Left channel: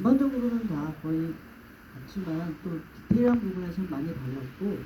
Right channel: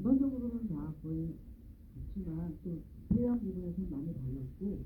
전반적으로는 다 거의 같지만 또 디테일한 부분에서는 많이 달랐고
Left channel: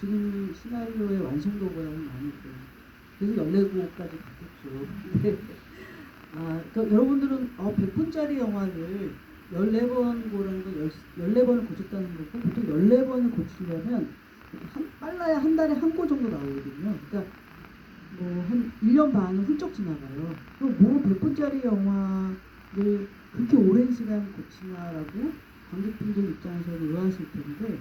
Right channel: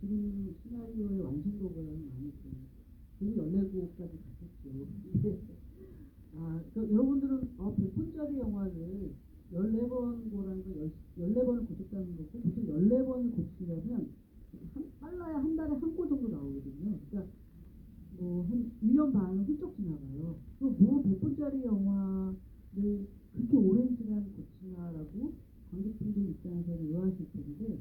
지금 시나리오의 완성도보다는 많이 그래서 14곡까지 바뀌었죠. 근데 그러니까 여러분들은 100분짜리 영화를 14번 고라는 건 14번을 고쳤다는 거고 보통 14번을 고치려면 빨라야 한 달에 한 고 정도 나오거든요. 그러니까 한 1년 반은 훌쩍 지나가요. 그럼 뭐 100분짜리 영화를 그렇게 오랜 시간 고치냐라고 관객분들 입장에서는 의아하실 텐데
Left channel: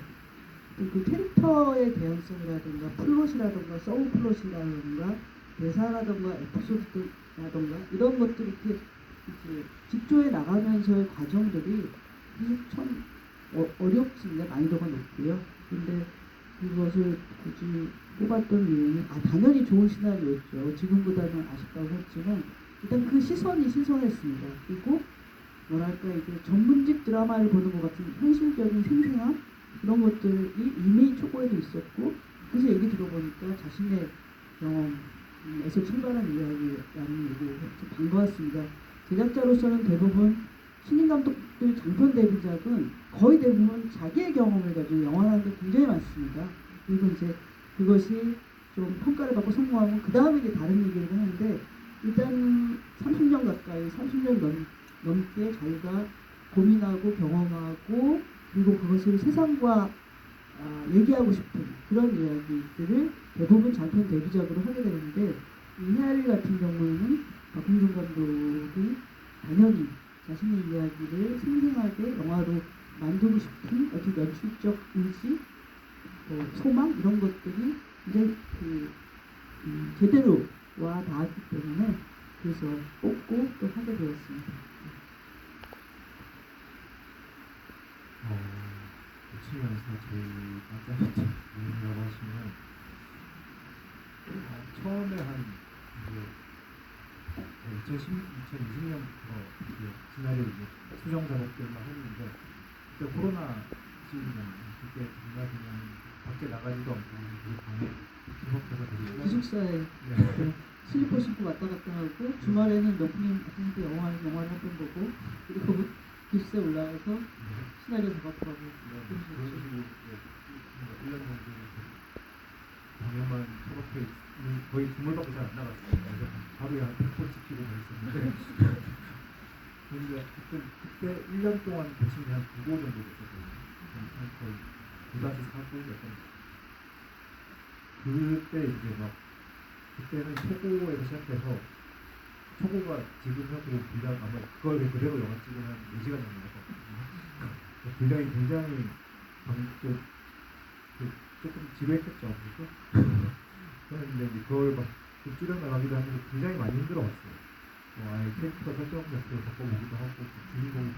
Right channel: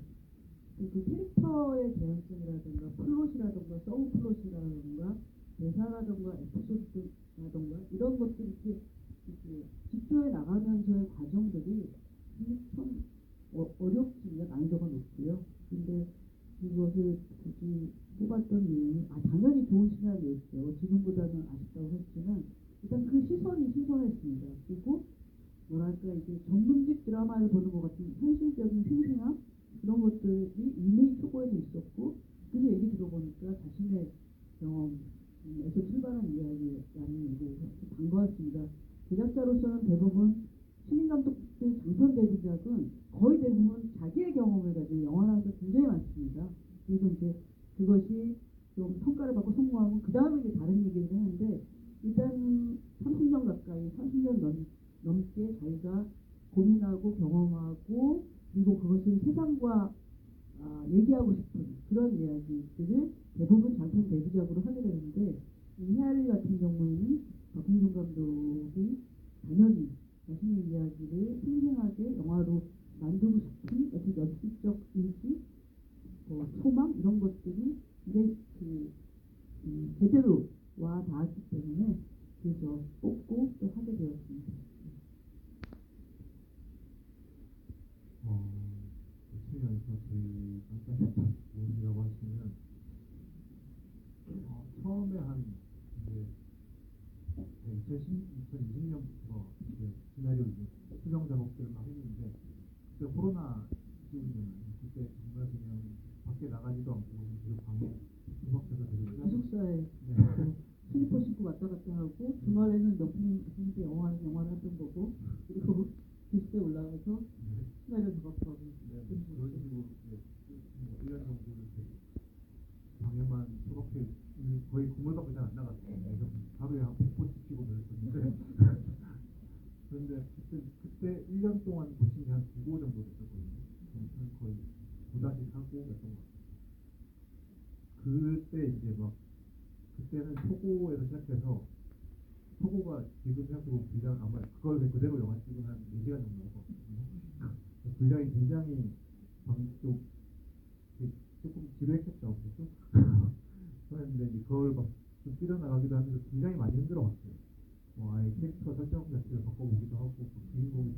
그 캐릭터의 개연성이라든가 플롯이라든가 서브 플롯이라든가 대사라든가 에피소드라든가 이런 것들이 이렇게 직조해 나가면서의 과정들이 참 어렵습니다. 난이도가 높고요. 근데 그것을 굳이 뽑았던 이유는 당연히 좋은 시나리오였죠. 지금보다는 아쉽다고 했지만 일단 그 시선이 신선했습니다. 그리고 뭐랄까 이게 전문직 드라마를 보는 것 같은 현실적인 생생함 이런 것들이 이미 초고에도 있었고 그래서 얘기 들어보니까 자신의 경험에서 출발한 이야기라는 얘기가 반가웠습니다. 제작자로서는 대부분 신인 감독들 장편 데뷔작은 거의 대부분 자기의 경험을 가지고 영화를 하는 게 굉장히 많습니다. 그리고 이제 그것이 좀 평가를 받고 성공하면 그 다음에 이제 다른 얘기를 하는데 일단 30년 가까이 30년 넘게 자기가 고민하고 경험하고 그리고 그것을 세상과 얘기하고 싶은 그런 이야기들을 대부분 장편 데뷔작으로 하게 되는데 이 헤아리 같은 경우에는 박홍준 감독이 당연히 자신의 이야기를 생생하게 영화로 만들고 싶은 어떤 연출적 의지, 소망 이런 것들이 이제 제대로 와 닿았기 때문에 그래서 뽑고 또 하게 되었습니다. 보시면서 제일 깜짝이야 뭐라고 하시면 처음에 한 2020년부터 시나리오 수정 작업들만 했는데 그때 코로나 시기잖아요. 그때 정말 그냥 밖에 나가지도 않고 우리 방에 기숙사가 되게 기숙사에 슬리퍼 신고 왔다 갔다 하고 주말에는 몇분한테 영화를 한 번 보고 그리고 기숙사에 올라가서 시나리오 작업하고 그런 식으로 1년 정도 방에만 저렇게 거의 주물밖에 잘 안 나갔어요. 그래서 하루에 한 100번 찍히고 있었는데 그런데 그때 1년 동안 대충 한 9고 정도 됐었거든요. 거의 2-4고 약간 그때 이제 막 그때는 초고에서 시작해서 초고가 지금 생각해도 분량 아마 그걸 그대로 영화 찍으면 한 4시간 정도 됐거든요. 분량이 굉장히 조금 지루했겠죠. 그런데 이제 그걸 막 줄여 나가기도 하면서 굉장히 많이 힘들어왔어요. 아예 캐릭터 설정 자체를 바꿔보기도 하고 주인공이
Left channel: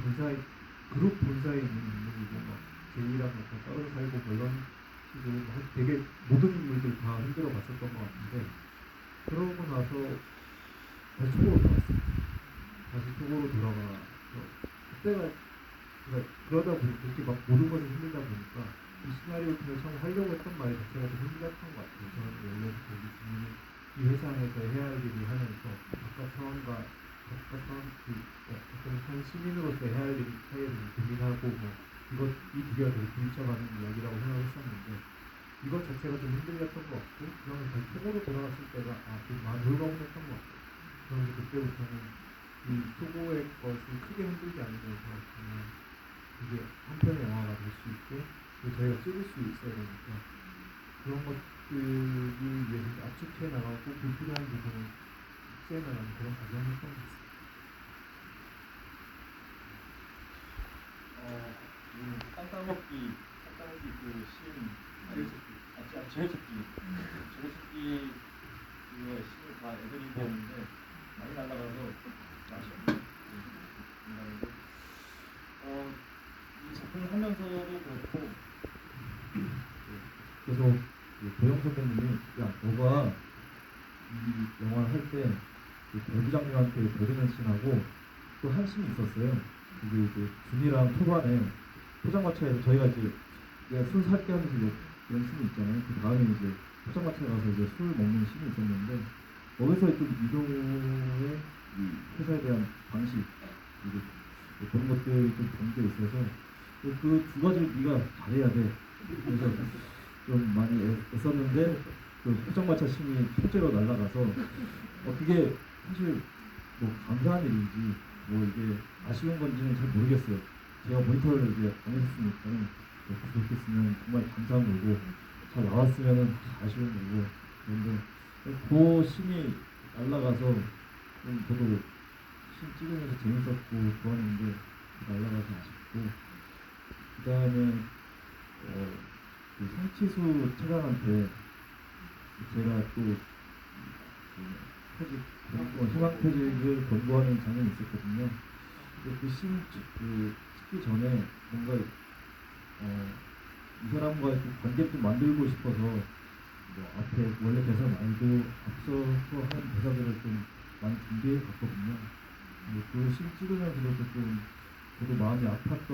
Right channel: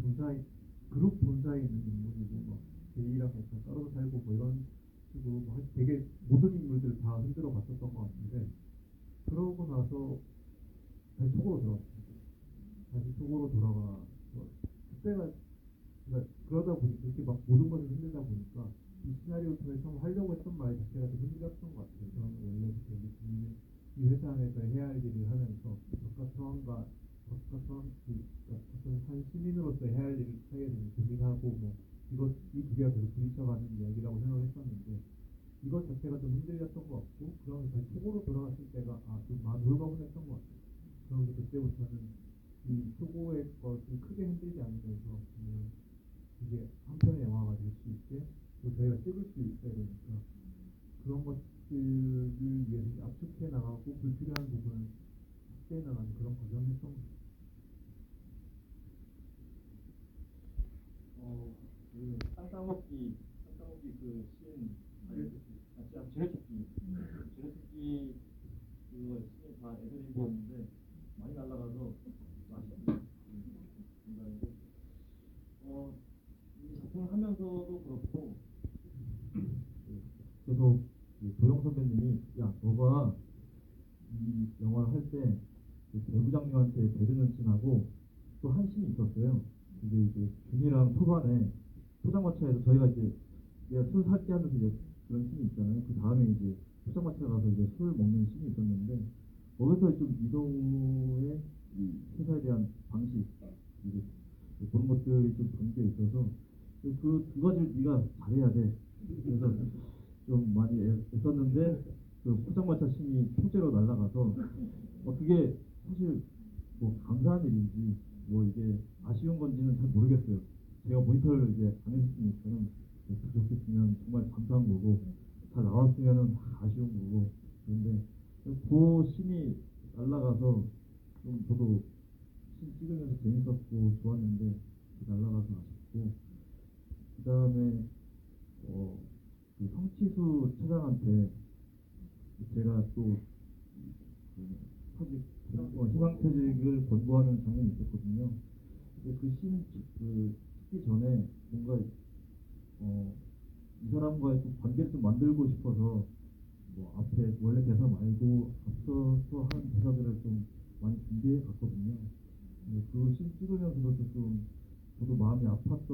그룹 본사에 있는 인물이고 막 제이랑 따로 살고 뭐 이런 식으로 되게 모든 인물들 다 힘들어 갔었던 것 같은데 그러고 나서 다시 초보로 돌아왔어요. 다시 초보로 돌아가 그때가 그러다 보니까 이렇게 막 모든 것이 힘들다 보니까 이 시나리오 팀을 처음 하려고 했던 말 자체가 좀 힘들었던 것 같아요. 저는 원래부터 이 회사에서 해야 할 일을 하면서 바깥 사람과 어떤 시민으로서 해야 할 일을 고민하고 이 두 개가 되게 부딪혀가는 이야기라고 생각했었는데 이것 자체가 좀 힘들었던 것 같고 그러면 그 초보로 돌아갔을 때가 좀 많이 놀라움했던 것 같아요. 그러면서 그때부터는 이 초보의 것을 크게 흔들지 않으면서 그냥 이게 한 편의 영화가 될 수 있게 저희가 찍을 수 있어야 되니까 그런 것들이 위해서 압축해 나가고 불필요한 부분을 삭제해 나가는 그런 과정이었던 것 같습니다. 땅따먹기 그 씬, 제어찾기 그거 씬을 다 애드리브였는데 많이 날라가서 아쉽네요. 이 작품을 하면서도 그렇고 그래서 도영 선배님이 너가 이 영화를 할 때 배부장님한테 배드맨 씬하고 또 한 씬이 있었어요. 그게 이제 준이랑 초반에 포장마차에서 저희가 이제 술 살 때 하면서 이런 씬이 있잖아요. 그 다음에 이제 포장마차에 가서 이제 술 먹는 씬이 있었는데 거기서 좀 이도의 이 회사에 대한 방식, 이제 그런 것들이 좀 담겨 있어서 그 두 가지를 네가 잘해야 돼. 그래서 좀 많이 애썼는데 그 포장마차 신이 통째로 날아가서 그게 사실 뭐 감사한 일인지 뭐 이게 아쉬운 건지는 잘 모르겠어요. 제가 모니터를 이제 안 했으니까 부족했으면 정말 감사한 거고 잘 나왔으면 아쉬운 거고 그런데 그 신이 날아가서 좀 저도 신 찍으면서 재밌었고 좋았는데 날아가서 아쉽고 그 다음에 그 성치수 차장한테 제가 또 퇴직, 희망퇴직을 권고하는 장면이 있었거든요. 그 찍기 전에 뭔가 이 사람과의 좀 관계를 좀 만들고 싶어서 뭐 앞에 원래 대사 말고 앞서서 한 대사들을 좀 많이 준비해 봤거든요. 그씬 찍으면서도 조금 저도 마음이 아팠던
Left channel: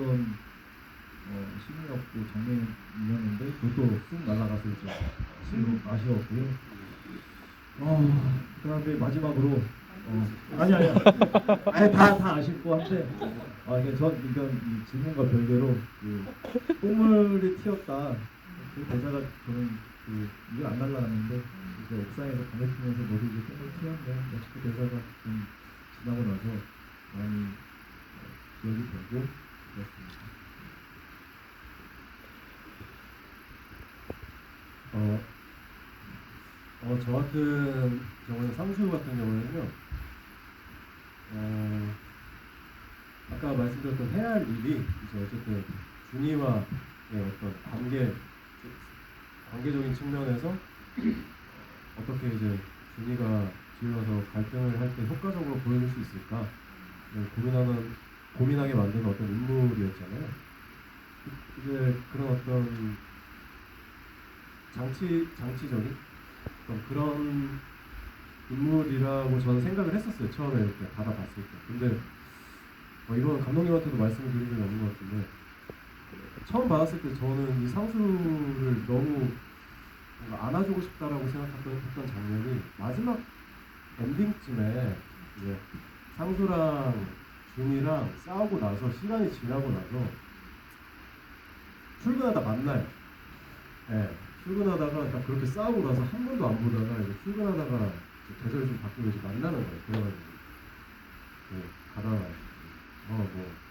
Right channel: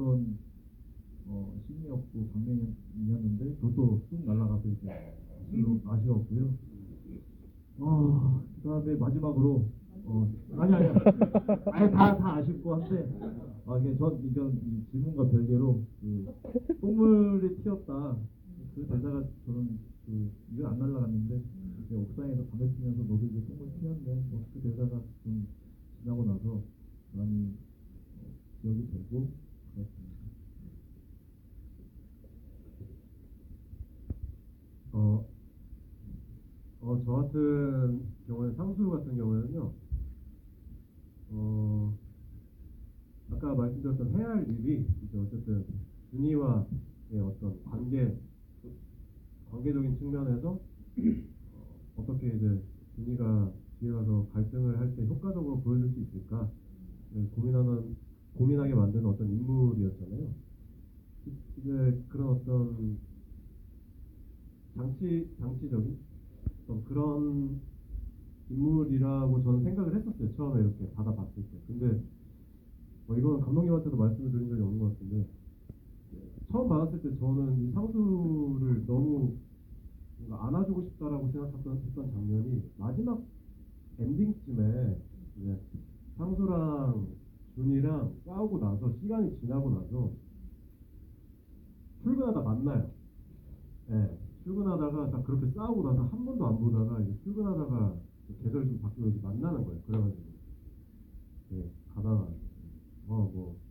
신이었고 장면이었는데 그것도 쑥 날아가서 좀 아쉬웠고요. 그다음에 마지막으로 아니야 아니 다 아쉽고 한데 이게 전 이건 이 질문과 별개로 그 콧물이 튀었다 그 대사가 저는 그 이게 안 날라갔는데 이제 옥상에서 담배 피면서 모두 이제 콧물 튀었네 그 대사가 좀 지나고 나서 많이 기억이 되고 그렇습니다. 저 같은 경우는 상수 같은 경우에는요, 아까 말씀드렸던 해야 할 일이 이제 어쨌든 준이와의 어떤 관계적인 측면에서 어떻게 이제 준이가 뒤에 와서 갈등을 할 때 효과적으로 보여줄 수 있을까 고민하게 만드는 어떤 인물이었잖아요. 이제 그런 어떤 장치적인 그런 인물이라고 저는 생각을 했었어요. 처음에 이렇게 받아봤을 때. 근데 이건 감독님한테도 말씀을 드린 적이 없는 것 같은데 처음 받았을 때 저는 이 상수를 너무 뭔가 안아주고 싶다라고 생각했던 장면이 마지막 엔딩쯤에 이제 상수랑 준이랑 싸우고 나서 시간이 지나고 나서 출근하다 만나요. 네, 출근하다가 딱 그렇게 싸우고 나서 한 번도 안 보다가 이제 출근하다가 계절이 좀 바뀌고 이제 만나는 거예요. 그래가지고 가다가 뭐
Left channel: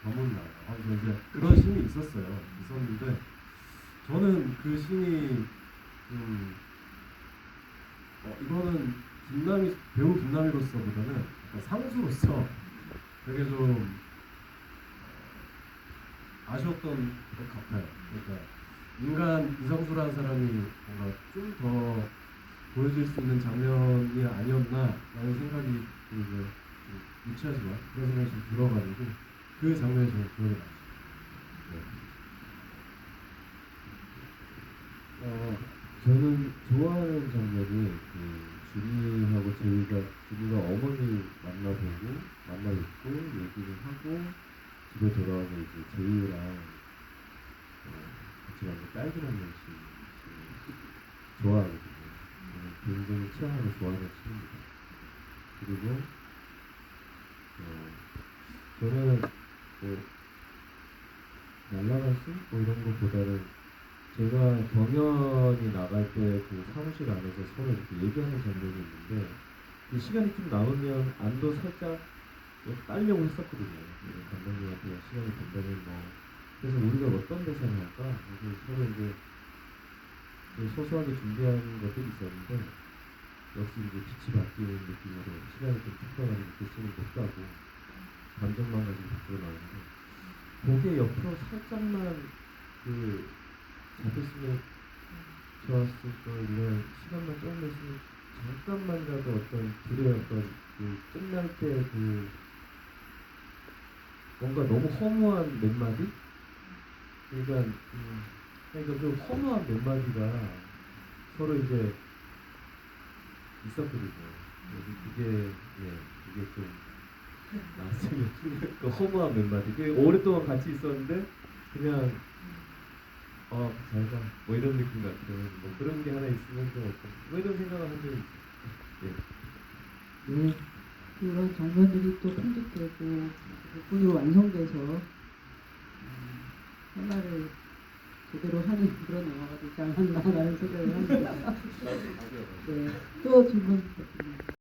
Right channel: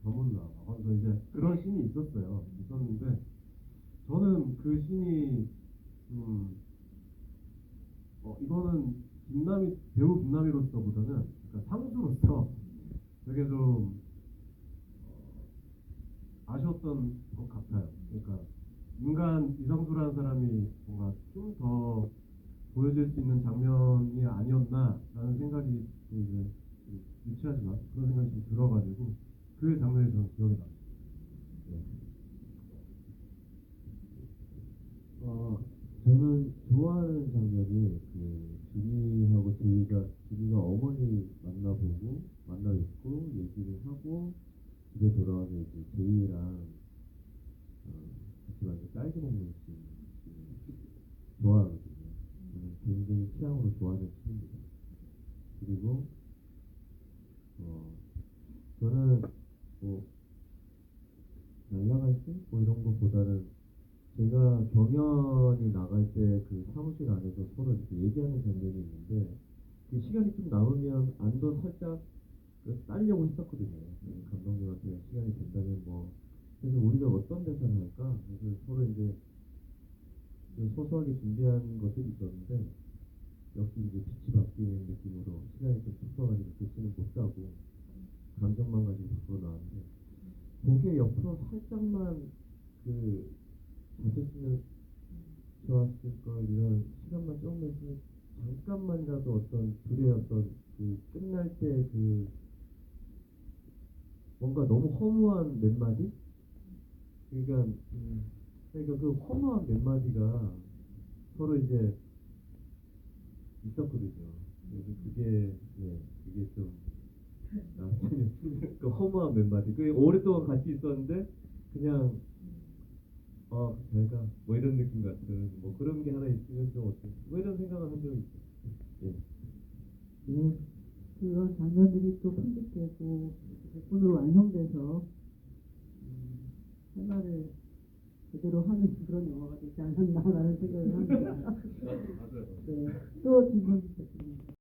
더문나 하면서 이제 그런 씬이 있었는데 저는 그 씬이 이거는 배우 김남희로서보다는 상수로서 되게 좀 아쉬웠던 것 같아요. 그러니까 인간 이성수라는 사람이 뭔가 좀 더 보여줄 수 있는 장면이 아니었나라는 생각이 이제 유치하지만 그런 생각이 좀 들어가지고 그 장면이 저는 기억에 나요. 저는 좋아하는 장면이 준이하고 준이가 어머니 만나뵙고 얘기를 하고 집에 돌아오면 이제 제이랑 같이 가서 딸기 먹는 씬 좋아하거든요. 저는 굉장히 취향으로 좋아하는 씬입니다. 그리고 저는 날라갈 씬 이런 것보다는 제가 경연이 나갈 때 그 사무실 안에서 서로 이렇게 얘기하는 장면이 있는데 그 시간이 좀 남으면 안도 살짝 따려고 했었거든요. 감독님한테 시간이 된다면 그래서 우리가 어떤 대사를 할까? 그래서 서로 이제 소소하게 준비한 것들이 있었는데 역시 이제 빛이 바뀌는 느낌으로 시간이 좀 특별하게 느껴지는 것도 하고 감정만 가지고 바꾸고 나오는데 그게 옆으로 살짝만 잡혔으면 좋았을 거 이런 시간만 조금 있으면 잠깐만이라도 어떤 둘의 어떤 끝날 때 뭔가 너무 허무한 몇 마디? 그러니까 그 허무한 몇 마디가 서로 이제 있었거든요. 그래서 그게 좀 나왔으면 그 허무한 몇 마디. 오랫동안 같이 있었는데 그냥 잘가 뭐 이런 느낌 같아요. 뭐 그런 게 하나 있으면 좀 어떤 뭐 이런 생각을 한 적이 있어요. 그런 장면들이 또 편집되고 덕분으로 완성돼서 생활을 제대로 하는 그런 영화가 되지 않았나라는 생각을 합니다. 네, 또 질문.